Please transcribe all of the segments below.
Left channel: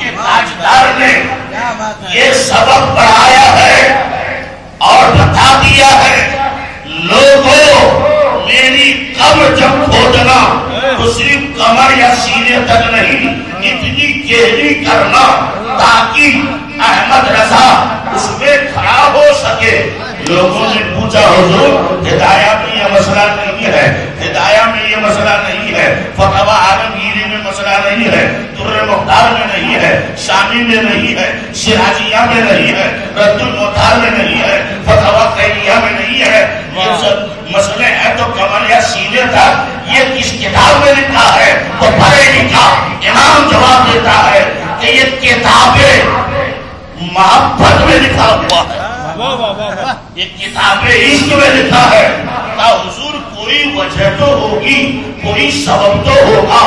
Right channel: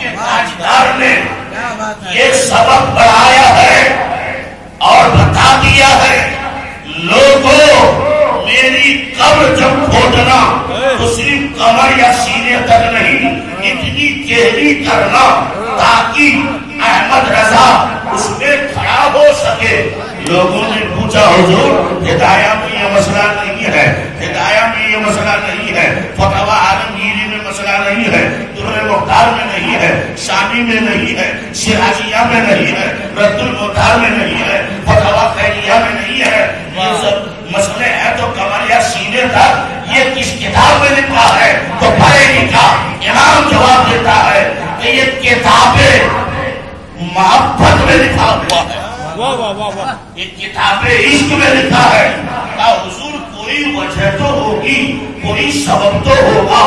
کے تاجدار نے یہ سبق پڑھایا ہے اور بتا دیا ہے لوگوں میری قبر جب کھودنا تو صرف کمر یا سینے تک نہیں اتنی گہری کرنا تاکہ احمد رضا اس میں کھڑا ہو سکے. لوگوں نے پوچھا حضور ہدایہ میں یہ مسئلہ نہیں ہے, ہدایہ میں یہ مسئلہ نہیں ہے, فتویٰ عالمگیری میں مسئلہ نہیں ہے, در مختار میں نہیں ہے, شامی میں نہیں ہے, شرازیہ میں نہیں ہے, رد المختار میں نہیں ہے, فتویٰ خیریہ میں نہیں ہے. یہ سب مسئلے ہیں تو کمر یا سینے تک یہ کس کتاب میں لکھا ہے تو پڑھے لکھا. امام جواب دیتا ہے کہ یہ کتابیں محبت میں لکھا ہوا ہے, یہ کتاب عشق میں لکھا ہے. حضور کوئی وجہ تو ہوگی, کوئی سبب تو ہوگا.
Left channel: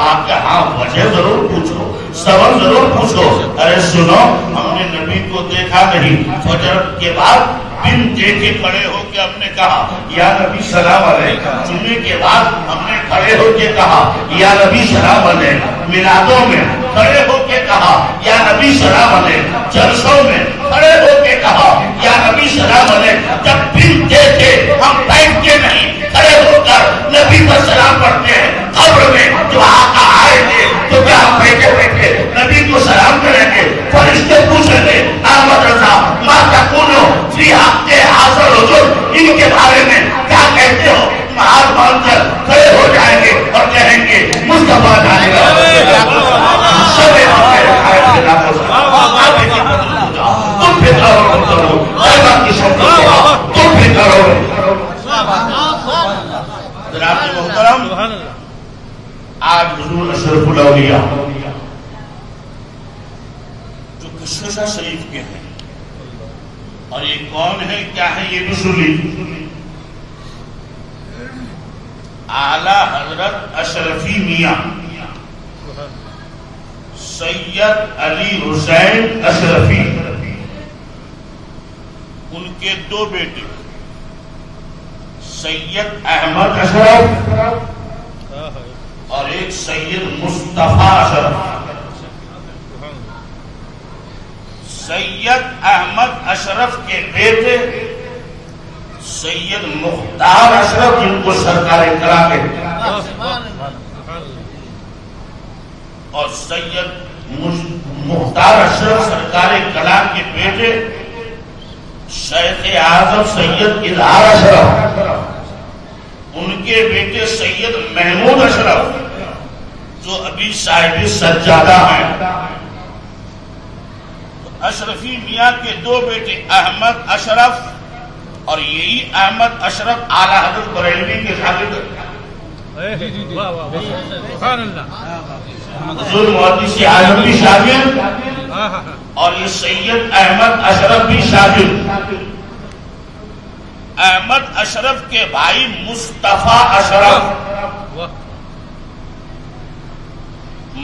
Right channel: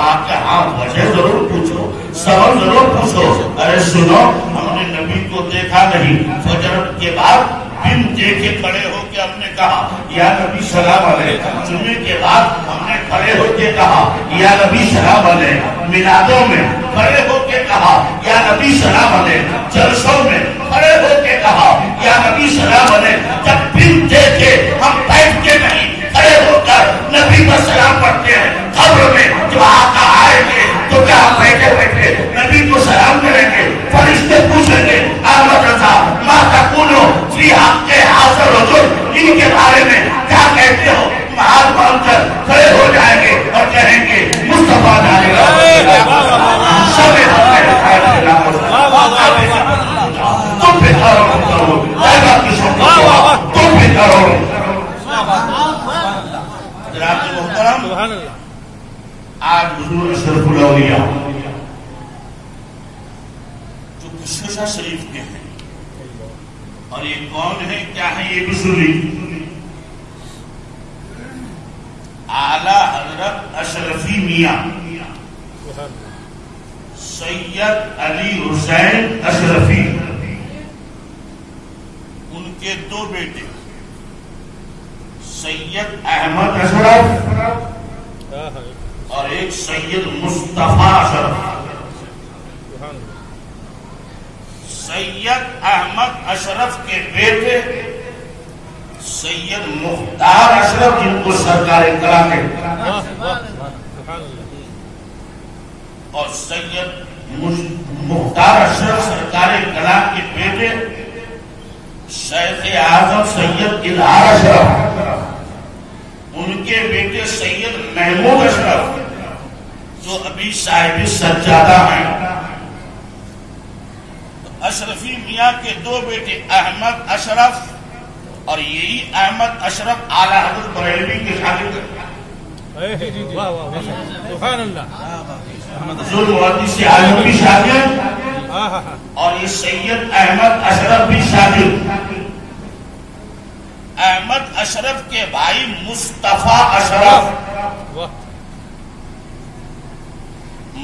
آپ کہ ہاں وجہ ضرور پوچھو, سبب ضرور پوچھو. ارے سنو, ہم نے نبی کو دیکھا نہیں, فجر کے بعد بن دیکھے کھڑے ہو کے ہم نے کہا یا نبی سلام علیہ. جمعے کے بعد ہم نے کھڑے ہو کے کہا یا نبی سلام علیہ. میلادوں میں کھڑے ہو کے کہا یا نبی سلام علیہ. جلسوں میں کھڑے ہو کے کہا یا نبی سلام علیہ. جب بن دیکھے ہم بیٹھ کے نہیں کھڑے ہو کر نبی پر سلام پڑھتے ہیں. قبر میں جو آقا آئے گے تو کیا ہم بیٹھے بیٹھے نبی کو سلام کریں گے؟ فرشتے پوچھیں گے احمد رضا ما تقولو فی حق حاضر حضور, ان کے بارے میں کیا کہتے ہو؟ ہاتھ باندھ کر کھڑے ہو جائیں گے اور کہیں گے مصطفیٰ جائے گا سب تم بھی کرو تم بھی کرو. حضرات محترم, آج حضور اشرف الاولیاء جو کشکشہ شریف کے ہیں, اور یہ کون ہے کیا ہے یہ بھی سن لیجیے. اعلی حضرت اشرفی میاں سید علی حسین اشرفی, ان کے دو بیٹے سید احمد اشرف اور ایک سید مصطفیٰ اشرف. سید احمد اشرف کے بیٹے سید مختار اشرف, جن کو سرکار کرا کے, اور سید مختار اشرف سرکار کلا کے بیٹے شیخ اعظم سید اظہار اشرف, ان کے بیٹے سید محمود اشرف جو ابھی صاحب سجادہ ہیں. اشرفی میاں کے دو بیٹے احمد اشرف, اور یہی احمد اشرف اعلی حضرت بریلوی کے شاگرد حضور محدث عالم بھی شاگرد, اور یہ سید احمد اشرف بھی شاگرد. احمد اشرف کے بھائی مصطفیٰ اشرف,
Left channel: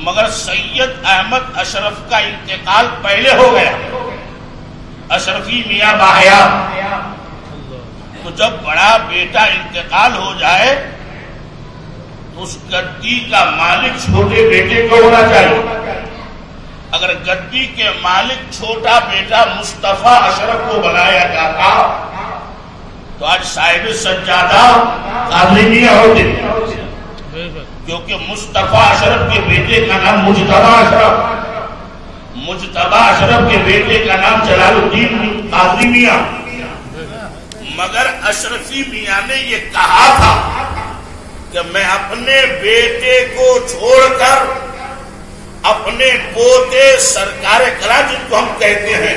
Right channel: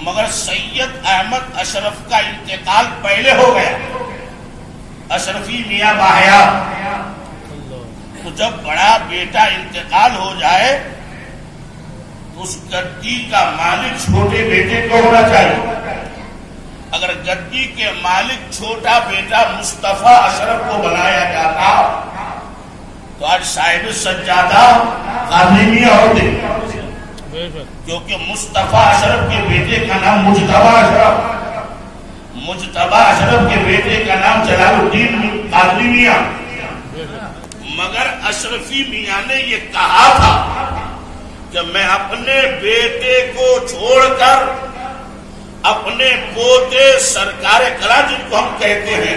مگر سید احمد اشرف کا انتقال پہلے ہو گیا. اشرفی میاں باحیات, تو جب بڑا بیٹا انتقال ہو جائے تو اس گدی کا مالک چھوٹے بیٹے کو ہونا چاہیے. اگر گدی کے مالک چھوٹا بیٹا مصطفیٰ اشرف کو بنایا جاتا تو آج صاحب سجادہ قاضی میاں ہوتے, کیونکہ مصطفیٰ اشرف کے بیٹے کا نام مجتبیٰ اشرف, مجتبیٰ اشرف کے بیٹے کا نام جلال الدین قاضی میاں. مگر اشرفی میاں نے یہ کہا تھا کہ میں اپنے بیٹے کو چھوڑ کر اپنے پوتے سرکار کلا, جن کو ہم کہتے ہیں,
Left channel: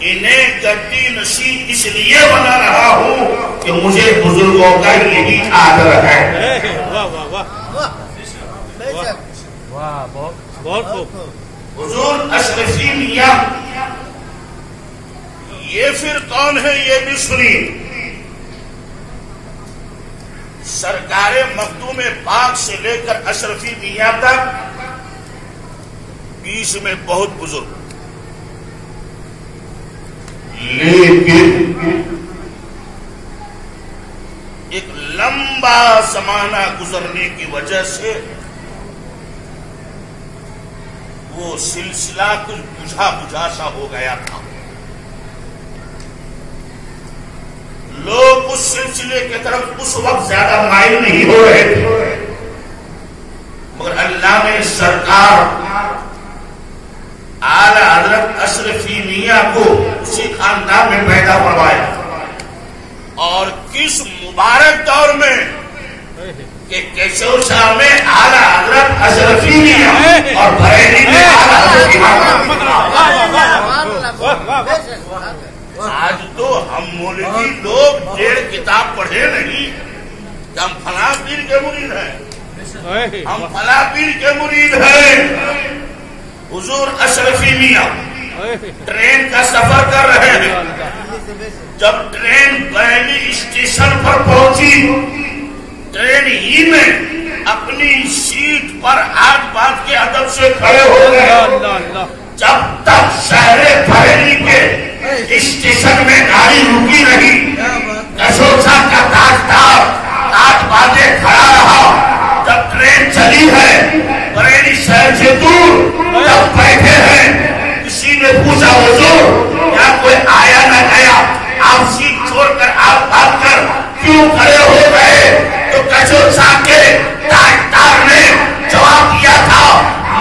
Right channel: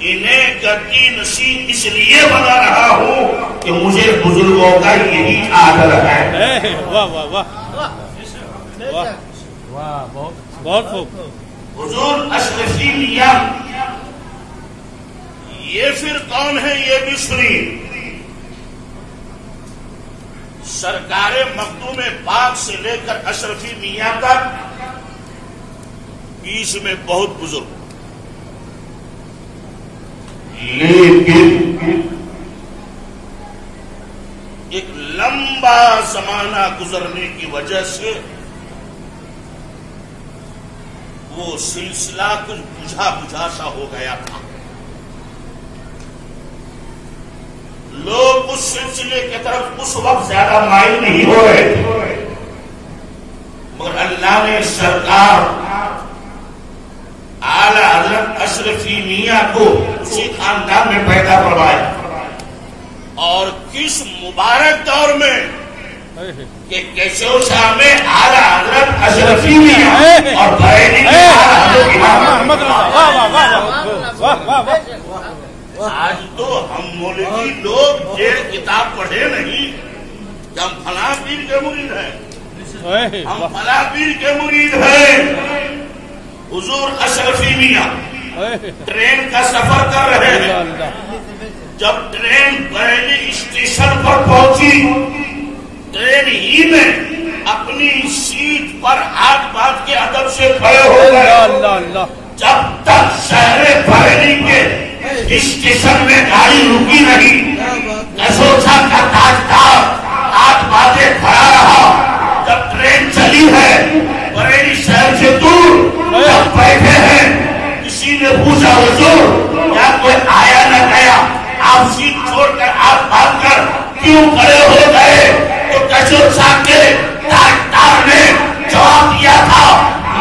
انہیں گدی نشین اس لیے بنا رہا ہوں کہ مجھے بزرگوں کا یہی آدر ہے. حضور اشرفی میاں یہ پھر کون ہے یہ بھی سنی. سرکار مخدوم پاک سے لے کر اشرفی میاں تک بیچ میں بہت بزرگ, لیکن ایک لمبا زمانہ گزرنے کی وجہ سے وہ سلسلہ کچھ بجھا بجھا سا ہو گیا تھا. لوگ اس سلسلے کی طرف اس وقت زیادہ مائل نہیں ہو رہے تھے، مگر اللہ نے سرکار اعلی حضرت اشرفی میاں کو اسی خاندان میں پیدا فرمایا. اور کس مبارک دور میں کہ کیشور شاہ میں اعلی حضرت اشرفی میاں اور بریلی میں اعلی حضرت آج تو ہم مولوی لوگ ڈیڑھ کتاب پڑھے نہیں کہ ہم فلاں پیر کے مرید ہیں، ہم فلاں پیر کے مرید ہیں. حضور اشرفی میاں ٹرین کا سفر کر رہے ہیں. جب ٹرین پہلی اسٹیشن پر پہنچی، ٹرین ہی میں اپنی سیٹ پر ہاتھ باندھ کے ادب سے کھڑے ہو گئے. جب تک شہر بریلی کے اسٹیشن میں گاڑی رکی نہیں، کشوچا کا تاجدار ہاتھ باندھے کھڑا رہا. جب ٹرین چلی ہے بریلی شہر سے دور جب بیٹھے ہیں، کسی نے پوچھا حضور کیا کوئی آیا نہ گیا، آپ سیٹ چھوڑ کر آپ بھاگ کر کیوں کھڑے ہو گئے؟ تو کشوچا کے تاجدار نے جواب دیا تھا،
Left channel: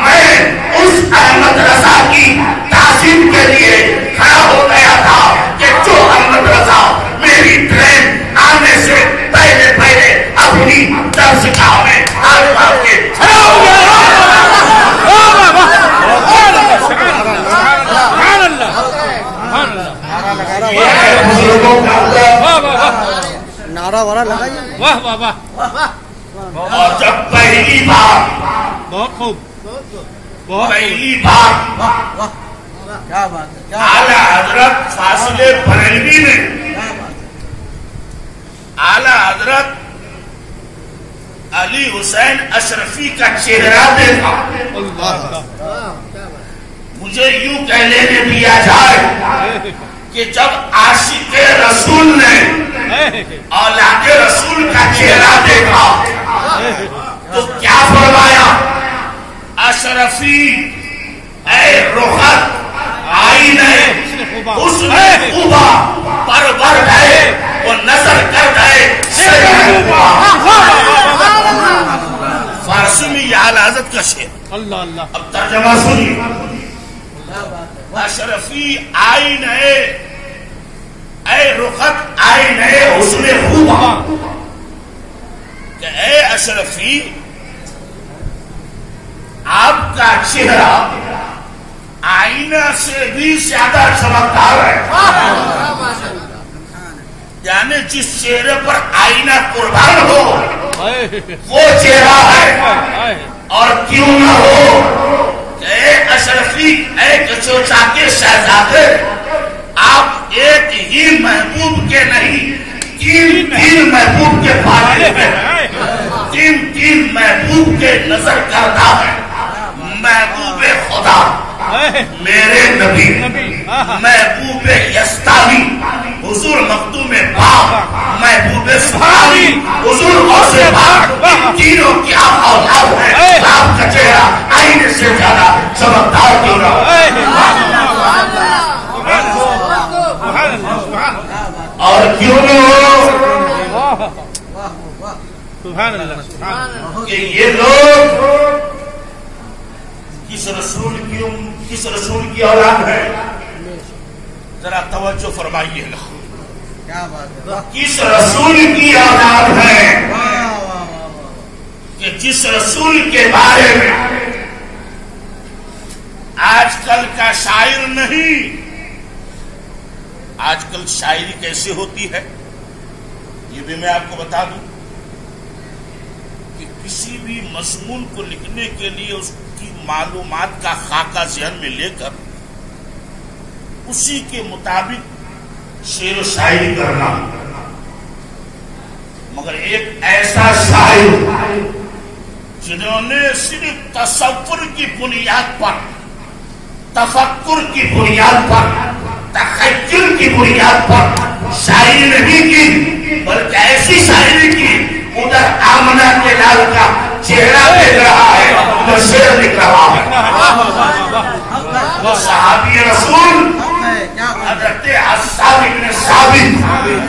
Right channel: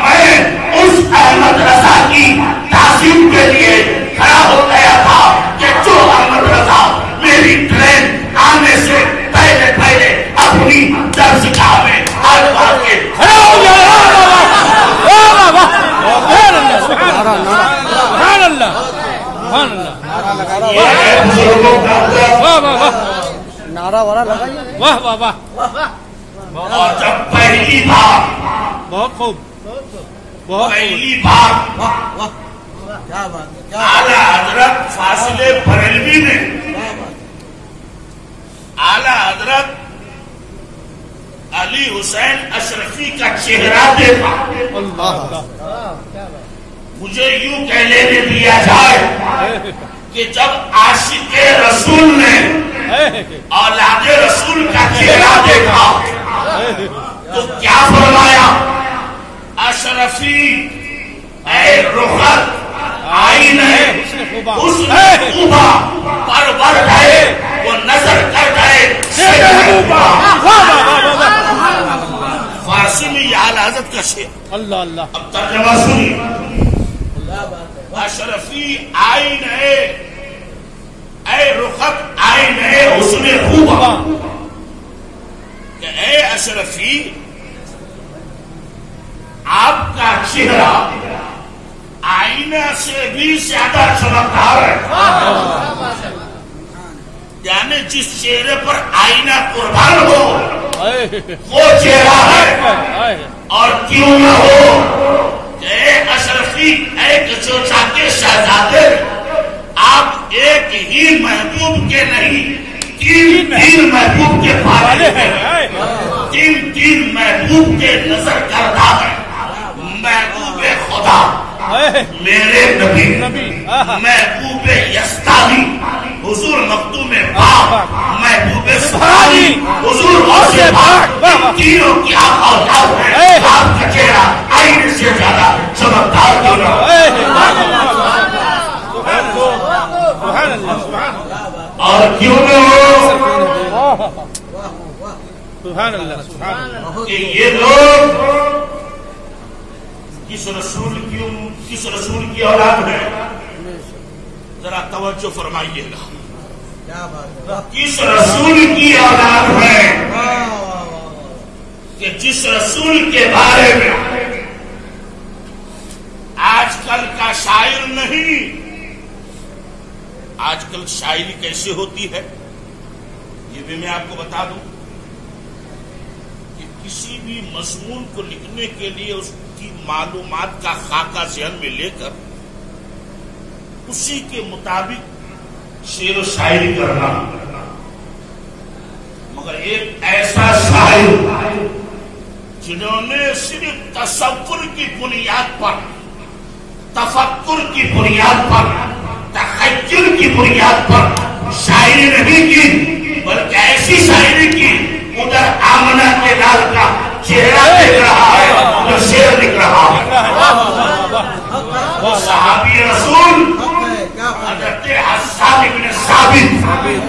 میں اس احمد رضا کی تعظیم کے لیے کھڑا ہو گیا تھا کہ جو احمد رضا میری ٹرین آنے سے پہلے پہلے اپنی درسگاہ میں ہاتھ باندھ کے کھڑا ہو گیا. نعرہ وارا لگائیے. اور جب پہلی بار اعلی حضرت فاصلے بریلوی نے اعلی حضرت علی حسین اشرفی کا چہرہ دیکھا، مجھے یوں کہہ لینے دیا جائے کہ جب عاشق رسول نے اولاد رسول کا چہرہ دیکھا تو کیا فرمایا؟ اشرفی اے رخت آئینے حسن خوبا پرور گئے وہ نظر کر گئے فارسی میں یہ اعلی حضرت کا شعر. اللہ اللہ. اب ترجمہ سنیے. اشرفی آئینے اے رخت آئینے حسن خوبا، کہ اے اشرفی آپ کا چہرہ آئینہ سے بھی زیادہ چمکدار ہے. یعنی جس چہرے پر آئینہ قربان ہو وہ چہرہ ہے. اور کیوں نہ ہو کہ اے اشرفی اے کچوچا کے شہزادے، آپ ایک ہی محبوب کے نہیں تین محبوب کے پالے ہیں، تین محبوب کے نظر کردہ ہے. محبوب خدا میرے نبی، محبوب یستاوی حضور مخدوم پاک، محبوب سبحانی حضور غوث پاک، ان تینوں کی آپ اولاد ہیں. آپ کا چہرہ آئینے سے زیادہ چمکدار کیوں نہ ہو؟ اور کیوں نہ ہو کہ یہ لوگ کس رسول کی اولاد ہے؟ ذرا توجہ فرمائیے گا. کس رسول کی اولاد ہے کہ جس رسول کے بارے میں آج کل کا شاعر نہیں. آج کل شاعری کیسے ہوتی ہے یہ بھی میں آپ کو بتا دوں کہ کسی بھی مضمون کو لکھنے کے لیے اس کی معلومات کا خاکہ ذہن میں لے کر اسی کے مطابق شعر و شاعری کرنا. مگر ایک ایسا شاعر جنہوں نے صرف تصور کی بنیاد پر، تفکر کی بنیاد پر، تخیل کی بنیاد پر شاعری نہیں کی، بلکہ ایسی شاعری کی ادھر آمنہ کے لال کا چہرہ دیکھ رہا ہے، ادھر شعر لکھ رہا ہے.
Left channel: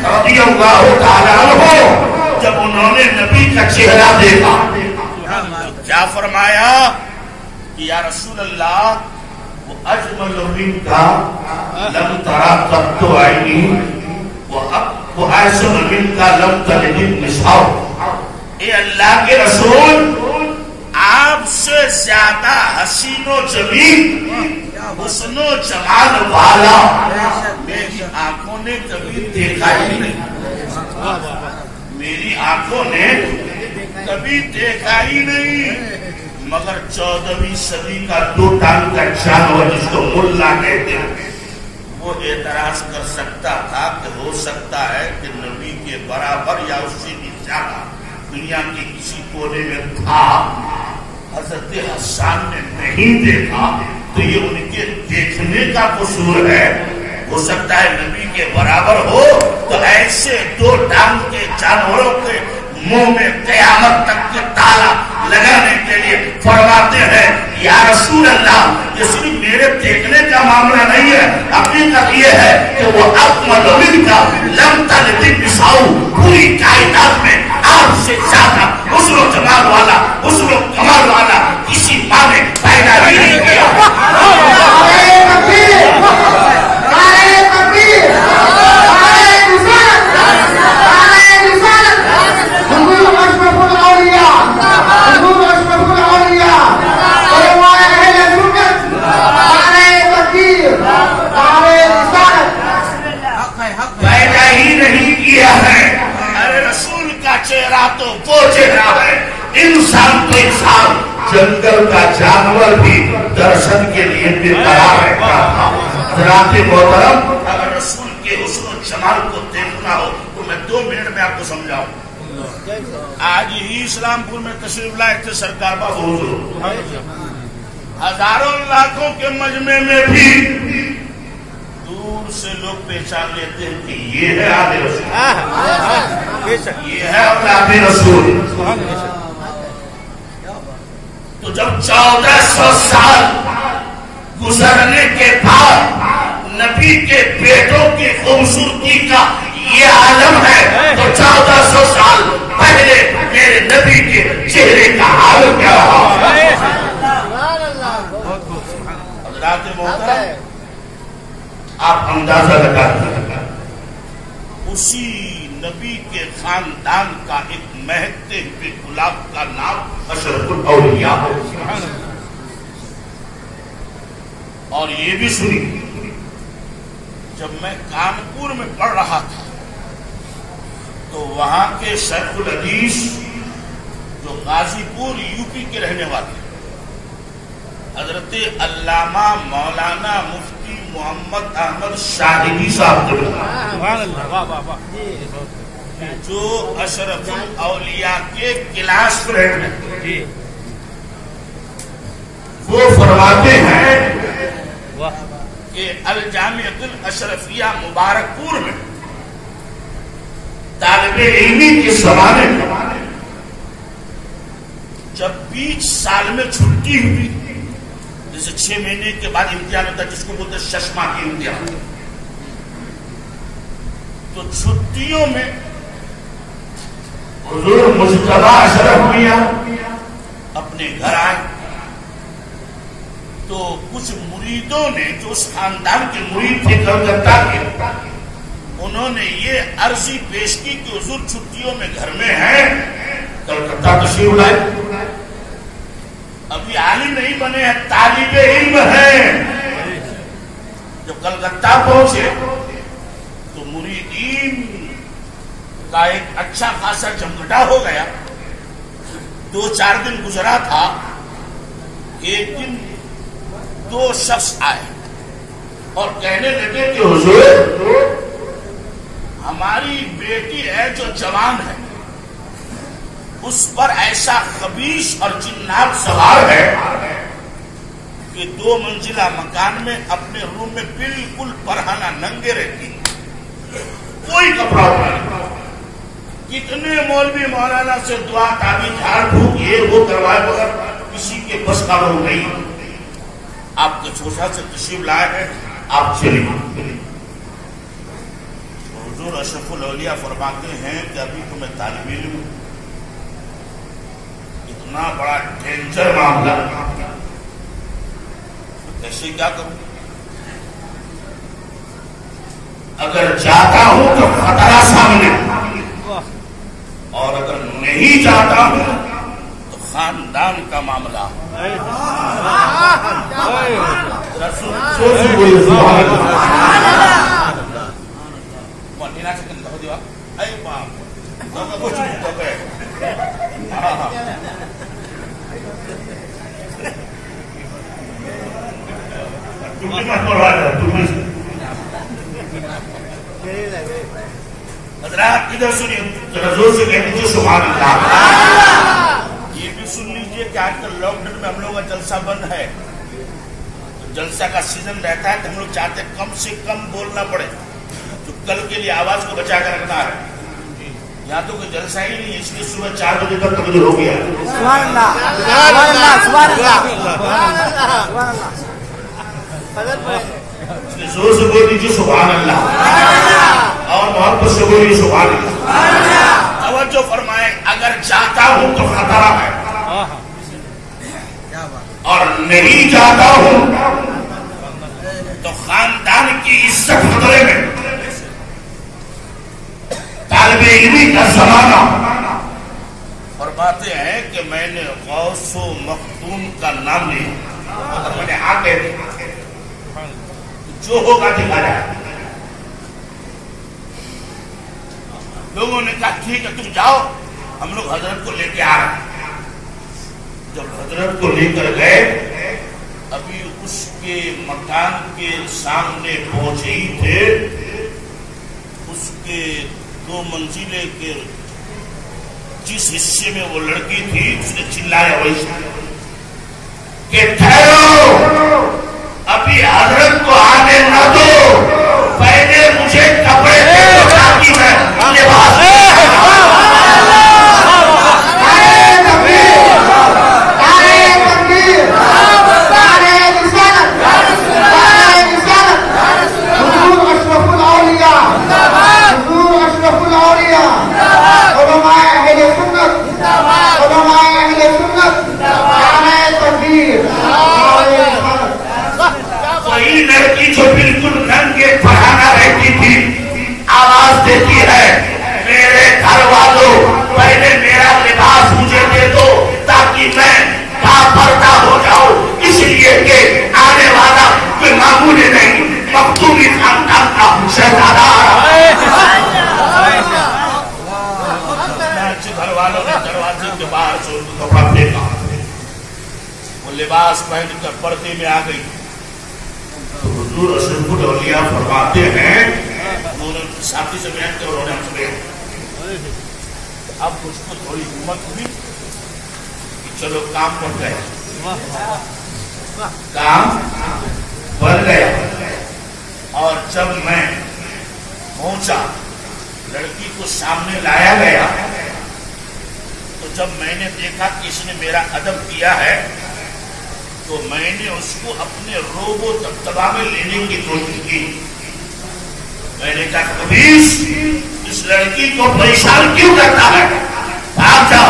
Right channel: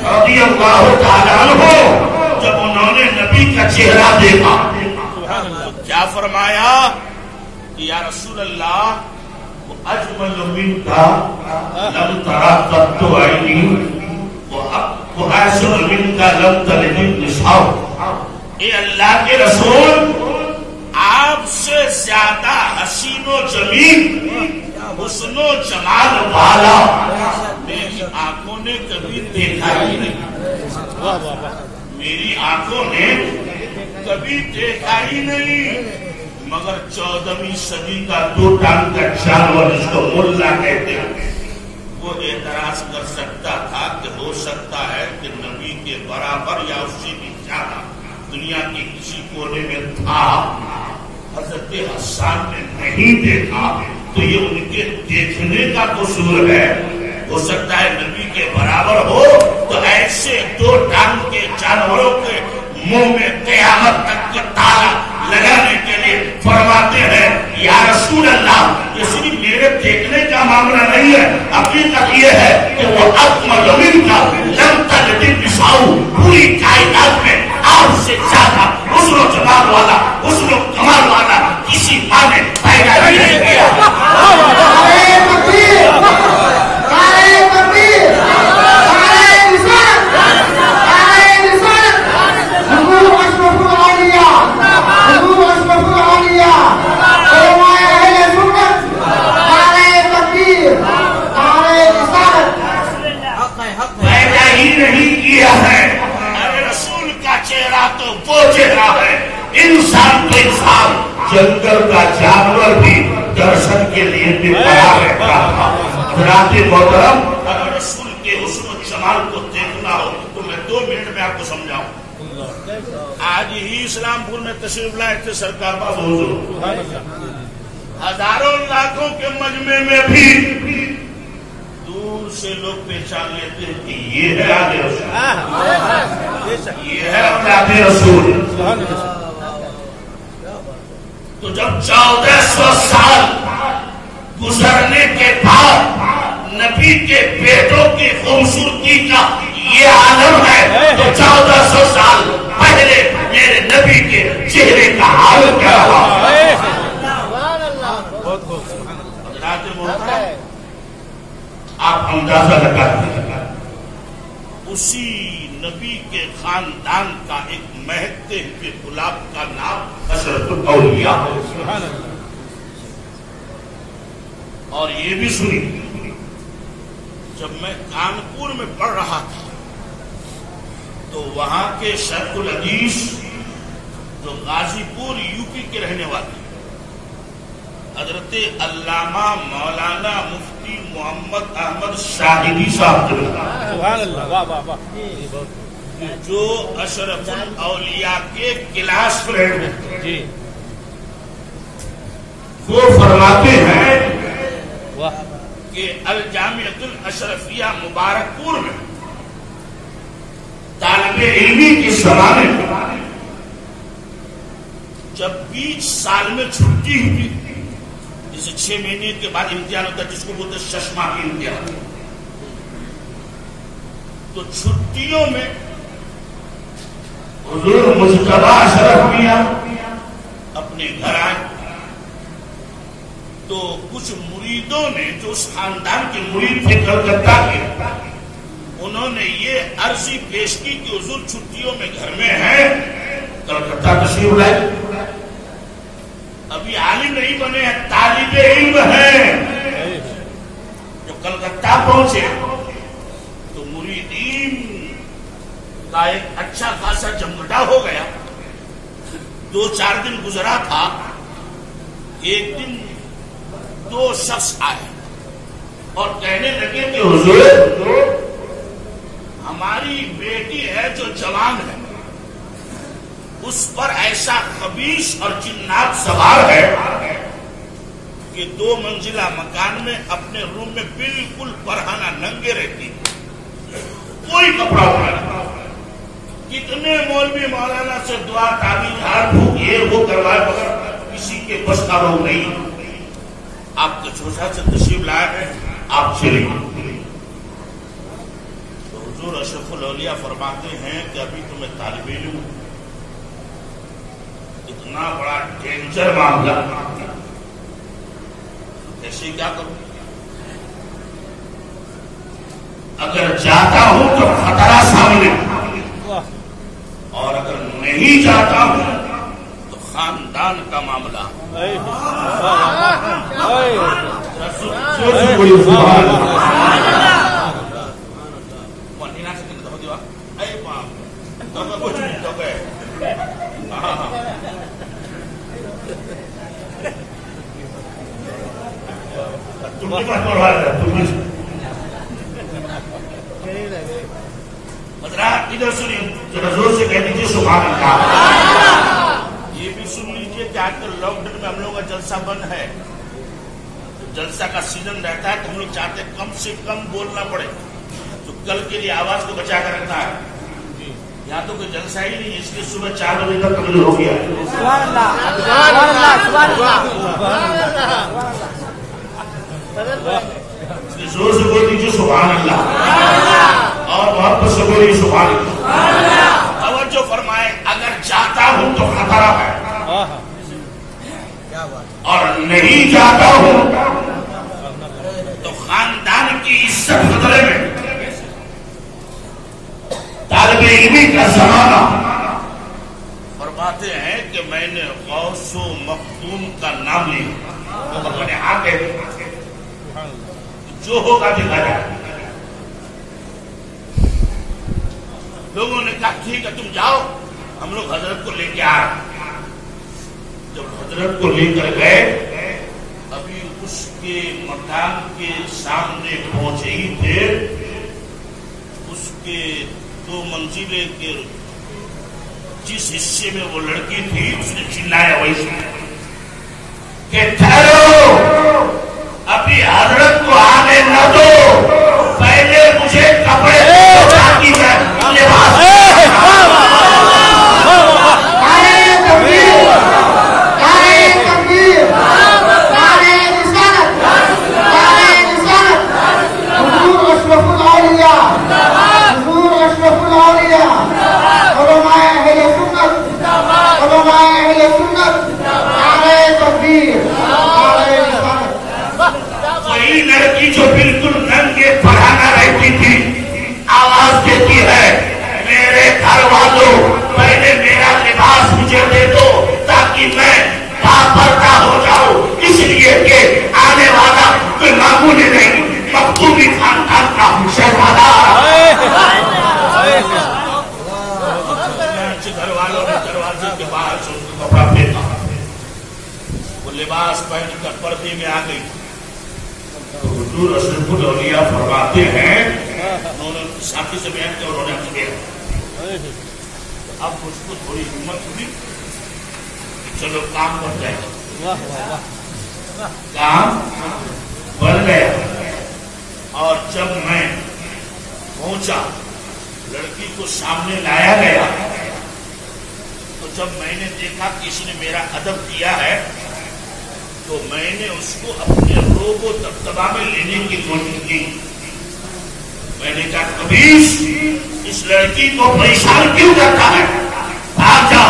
رضی اللہ تعالیٰ عنہ جب انہوں نے نبی کا چہرہ دیکھا تو کیا فرمایا کہ یا رسول اللہ وہ اجمل منک لم ترى قط عینی وہ احسن منک لم تلد النساء. اے اللہ کے رسول، آپ سے زیادہ حسین و جمیل حسن و جمال والا میری آنکھوں نے کبھی دیکھا ہی نہیں، میری آنکھوں نے کبھی دیکھا ہی نہیں. مگر 14ویں صدی کا 2 ٹانگ کا جانور جس کو ملا کہتے ہیں وہ اعتراض کر سکتا تھا کہ ہو سکتا ہے کہ نبی کے برابر یا اس سے بھی زیادہ دنیا کے کسی کونے میں تھا. حضرت حسان نے نہیں دیکھا تو یہ ان کے دیکھنے کا قصور ہے. ہو سکتا ہے نبی کے برابر ہو تو ایسے 2 ٹانگ کے جانوروں کے منہ میں قیامت تک کے تالا لگانے کے لیے فرماتے ہیں یا رسول اللہ یہ صرف میرے دیکھنے کا معاملہ نہیں ہے، حقیقت یہ ہے کہ وہ اکمل منک لم تلد النساء، پوری کائنات میں آپ سے زیادہ حسن و جمال والا حسن و کمال والا کسی ماں نے پیدا ہی نہیں کیا. چہرہ تو وہ چہرہ ہے انسان کے انسان، جنگل کا جانور بھی درشن کے لیے بے قرار رہتا تھا. حضرات محترم، اگر رسول کے حسن و جمال کو دیکھنا ہو تو میں 2 منٹ میں آپ کو سمجھاؤں. آج ہی اسلام پور میں تشریف لائے تھے سرکار بابو حضور، ہزاروں لاکھوں کے مجمع میں بھی دور سے لوگ پہچان لیتے ہیں کہ یہ ہے آل رسول، یہ ہے اولاد رسول. تو جب 1400 سال گزرنے کے بعد نبی کے بیٹوں کی خوبصورتی کا یہ عالم ہے تو 1400 سال پہلے میرے نبی کے چہرے کا حال کیا رہا. حضرات محترم، آپ اندازہ لگا دیں اسی نبی کے خاندان کا ایک مہکتے ہوئے گلاب کا نام اشرف الاولیاء. اور یہ بھی سنی، جب میں کانپور میں پڑھ رہا تھا تو وہاں کے شیخ الحدیث جو غازی پور یو پی کے رہنے والے حضرت علامہ مولانا مفتی محمد احمد شاہدی صاحب جو اشرف الاولیاء کے کلاس فرینڈ ہیں، وہ فرماتے ہیں کہ الجامعۃ الاشرفیہ مبارک پور میں طالب علمی کے زمانے میں جب 20 سال میں چھٹی ہوئی، جیسے 6 مہینے کے بعد امتحان ہوتا ہے جس کو بولتے ہیں ششما کی امتحان، تو چھٹیوں میں حضور مجتبی اشرف میاں اپنے گھر آئے تو کچھ مریدوں نے جو اس خاندان کے مرید تھے کلکتہ کے، انہوں نے یہ عرضی پیش کی کہ حضور چھٹیوں میں گھر میں ہیں، کلکتہ تشریف لائے. ابھی عالم نہیں بنے ہیں، طالب علم ہیں. جب کلکتہ پہنچے تو مریدین کا ایک اچھا خاصا جمگٹا ہو گیا. 2-4 دن گزرا تھا، ایک دن 2 شخص آئے اور کہنے لگے کہ حضور ہماری بیٹی ہے جو جوان ہے، اس پر ایسا خبیث اور جنات سوار ہے کہ 2 منزلہ مکان میں اپنے روم میں بالکل پرہانہ ننگے رہتی، کوئی کپڑا اٹھا نہیں. کتنے مولوی مولانا سے دعا تعبیر جھاڑ پھونک یہ وہ کروائے مگر کسی کے بس کا وہ نہیں. آپ کے چھوٹا سے تشریف لائے ہیں، آپ چلیں. حضور اشرف الاولیاء فرماتے ہیں کہ ابھی تو میں طالب علم ہوں، اتنا بڑا ڈینجر معاملہ کیسے کیا کروں؟ اگر جاتا ہوں تو خطرہ سامنے، اور اگر نہیں جاتا ہوں تو خاندان کا معاملہ۔ حضرات ادھر سنیے، ذرا زور سے کہہ دیجیے سبحان اللہ۔ یہ بھی سن لیجیے کہ آج کل لاک ڈاؤن میں ہم لوگوں کا جلسہ بند ہے، جلسہ کا سیزن رہتا ہے تو ہم لوگ چاہتے ہیں کم سے کم بولنا پڑے، تو کل کے لیے آواز کو بچا کر رکھنا ہے۔ یہاں تو کوئی جلسہ ہی نہیں ہے، اس لیے صبح 4 بجے تک تبلیغ ہو گیا۔ زور سے بول دیجیے سبحان اللہ، اور محبت سے بولیے سبحان اللہ۔ توجہ فرمائے، اگر جاتا ہوں تو خطرہ ہے، اور نہیں جاتا ہوں تو خاندان کی عزت خطرے میں۔ طالب علمی کا زمانہ، فرماتے ہیں کہ میں نے غوث و مختوم کا نام لیا، اور میں نے ہاں کہہ دیا، جو ہوگا دکھا جائے۔ لوگوں نے کہا ٹھیک ہے تم جاؤ، ہم لوگ حضرت کو لے کے آ رہے ہیں۔ جب حضرت کو لے کر گئے، ابھی اس کے مکان کے سامنے پہنچے ہی تھے، اس کے 2 منزلے کے جس حصے میں وہ لڑکی تھی، اس نے چلایا ویسے کہ ٹھہرو، ابھی حضرت کو آنے نہ دو، پہلے مجھے کپڑے دے دو تاکہ میں لباس۔ وہی لڑکی جو بالکل ننگے پڑھانا رہتی تھی، آواز دیتی ہے میرے گھر والوں پہلے میرا لباس مجھے دے دو تاکہ میں باپردہ ہو جاؤں، اس لیے کہ آنے والا کوئی معمولی نہیں، مختومی خاندان کا شہزادہ آ رہا ہے۔ گھر والوں نے دروازے کے باہر سے ان کو کپڑا پھینکا، وہ لباس پہن کر پردے میں آ گئی۔ حضور اشرف الاولیاء فرماتے ہیں، انہوں نے ان کی ساتھی سے بیان کیا، انہوں نے ہم سے بیان کیا۔ اب مجھ کو تھوڑی ہمت ہوئی کہ چلو کام بن گیا، کام بن گیا۔ اور جب میں پہنچا، لڑکی کو سامنے لایا گیا، تو جب میں نے دیکھا کہ اس نے میرا ادب کیا ہے، تو میں نے اس کو اپنے روب و دبدبا میں لینے کی کوشش کی۔ میں نے کہا کبیش، اس لڑکی کو پریشان کیوں کرتا ہے، بھاگ جا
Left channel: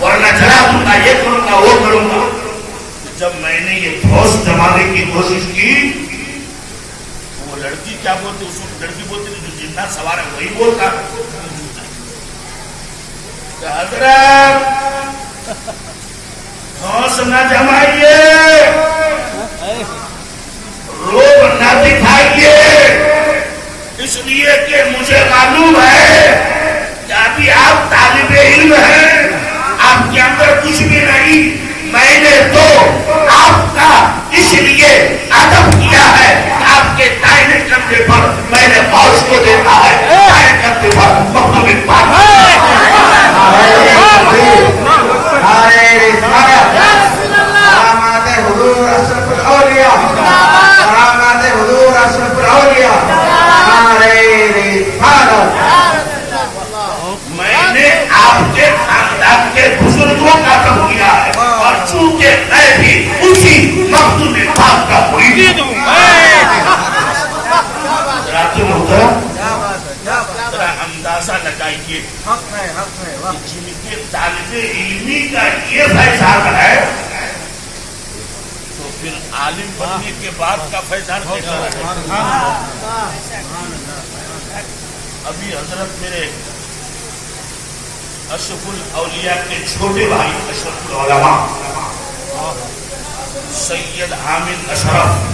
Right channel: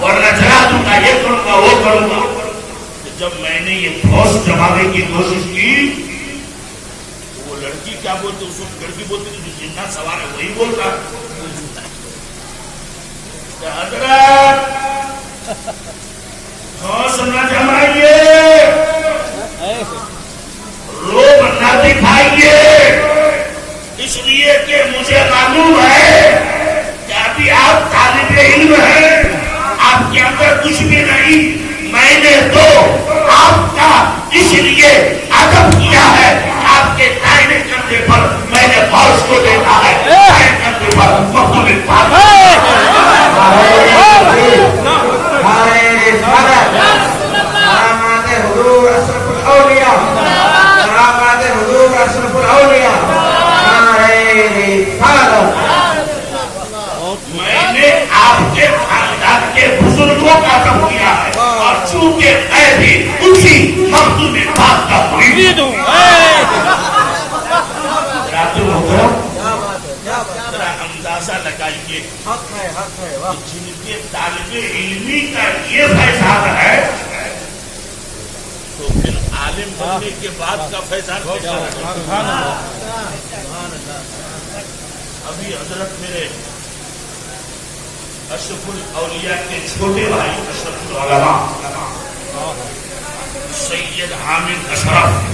ورنہ جلا دوں گا، یہ کروں گا وہ کروں گا۔ جب میں نے یہ ٹھوس جمانے کی کوشش کی، وہ لڑکی کیا بولتی، اس وقت لڑکی بولتی جو جنات سوار ہے وہی بولتا۔ حضرت ہوش نہ جمائیے، روب نہ دکھائیے، اس لیے کہ مجھے معلوم ہے کہ ابھی آپ طالب علم ہیں، آپ کے اندر کچھ بھی نہیں، میں نے تو آپ کا اس لیے ادب کیا ہے، آپ کے دائیں کندھے پر میں نے غوث کو دیکھا ہے، دائیں کندھے پر مختوم پاک۔ میں نے آپ کے خاندان کے بزرگوں کا ادب کیا ہے، اور چونکہ میں بھی اسی مختوم پاک کا مرید ہوں۔ اندازہ لگائیے حق ہے جن کے طالب علمی کا یہ فیضان ہے تو پھر عالم بننے کے بعد کا فیضان کیسا رہے؟ ابھی حضرت میرے اشرف الاولیاء کے چھوٹے بھائی اشرف العلماء سید حامد اشرف